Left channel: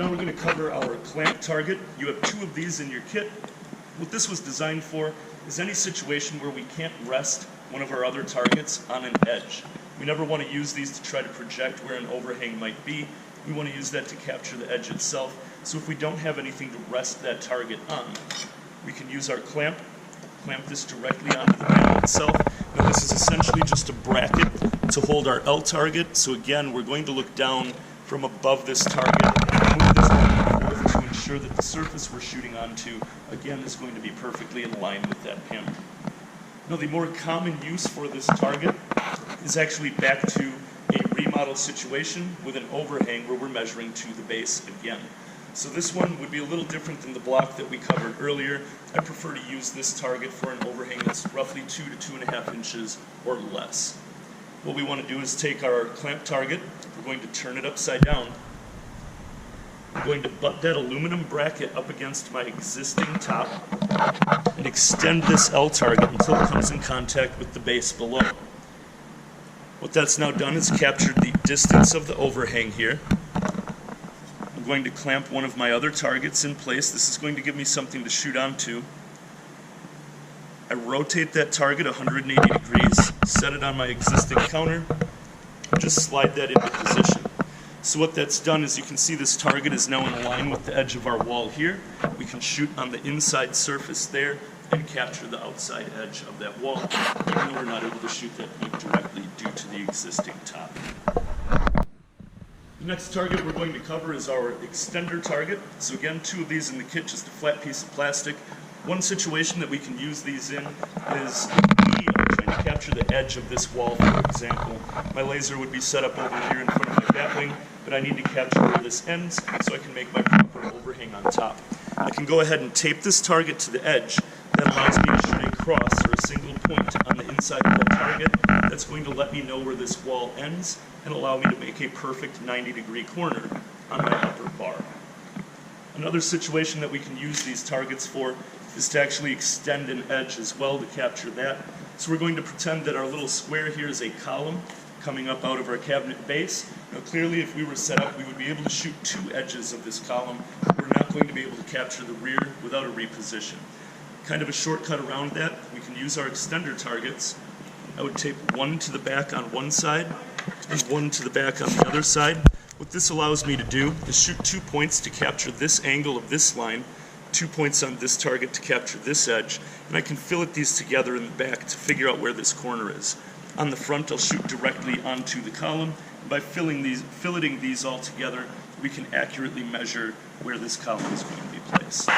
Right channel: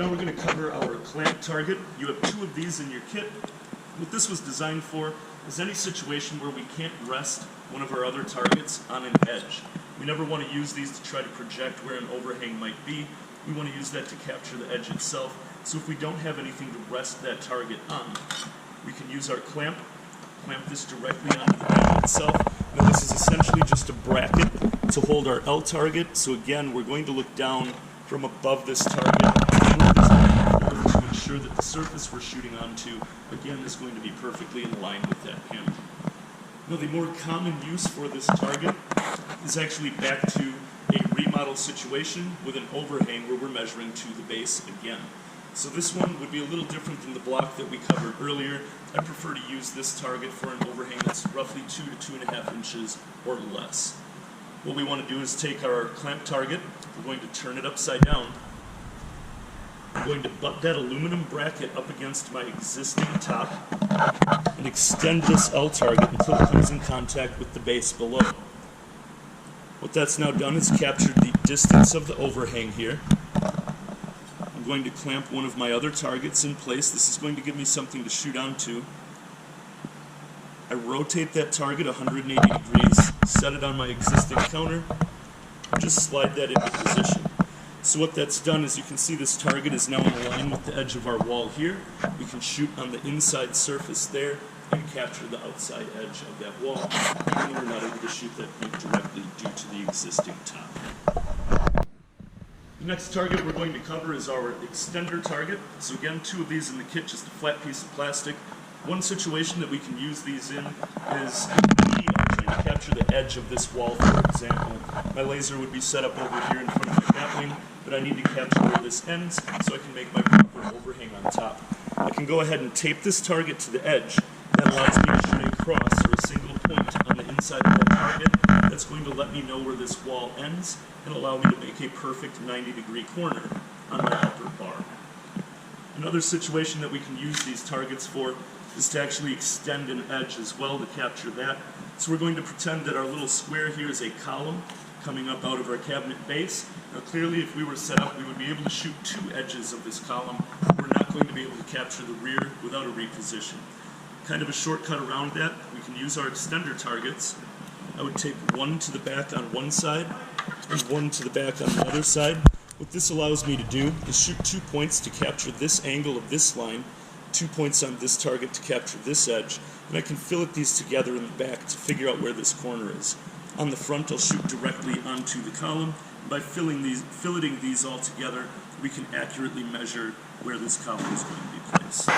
now we're going to cover our clamp target. You have two of these in your kit. What this was designed for is any situation where we can't rest one of our other targets on an edge. We never want to use these to try to project where an overhang might be. We want to use that to capture the edge itself. So if we don't have anything to rest that target on, we can use our clamp this directly onto the panel itself. Now this is essentially just a bracket to hold our L target. So again, we're going to look down from above this target, move this back and forth to ensure that the surface we're shooting onto, again, is going to be perfectly in line with that panel. Now the more common use for this target is actually back to a remodel situation with an overhang where we're measuring to the base again. So this one would be a little different than the block that we covered earlier. I prefer to use this target for an overhang that's roughly 2 to 2.5 inches or less. What we want to do is take our clamp target, we're going to turn it upside down. I'm going to butt that aluminum bracket up against my existing top and extend this L target until it comes in contact with the base below. What that's now done is captured the distance of the overhang here. I'm going to clamp one of my other targets in place. This is going to give me something to shoot onto. I rotate that target 180 degrees, set it on my existing counter, and just slide that into position. So what that's done is you can see this target is now in line with the edge of our wall here. We can shoot on the inside surface there and capture the outside edge of that wall, even though we're not able to shoot that point directly due to the existing top. The next target we're going to cover is our extender target. So again, two of these in the kit, just a flat piece of plastic. One situation that we can use these in is if we are trying to capture the edge of this wall, for example. My laser would be set up over here in front of my batwing, but I need to capture where this ends so I can make my proper overhang on top. I can go ahead and tape this target to the edge. That allows me to shoot a cross or a single point on the inside of that target. That's going to let me know where this wall ends and allow me to make a perfect 90-degree corner on my upper bar. Another situation that we can use these targets for is to actually extend an edge as well to capture that. So we're going to pretend that our little square here is a column coming up out of our cabinet base. Now clearly if we were set up, we would be able to shoot two edges of this column. We're not going to be able to capture the rear without a reposition. Kind of a shortcut around that, we can use our extender targets. I would tape one to the back on one side and one to the back on the other side. What this allows me to do is shoot 2 points to capture this angle of this line, 2 points on this target to capture this edge, and I can fillet these together in the back to figure out where this corner is. On the front, I'll shoot directly onto the column, and by filleting these all together, we can accurately measure where this column is going to be placed.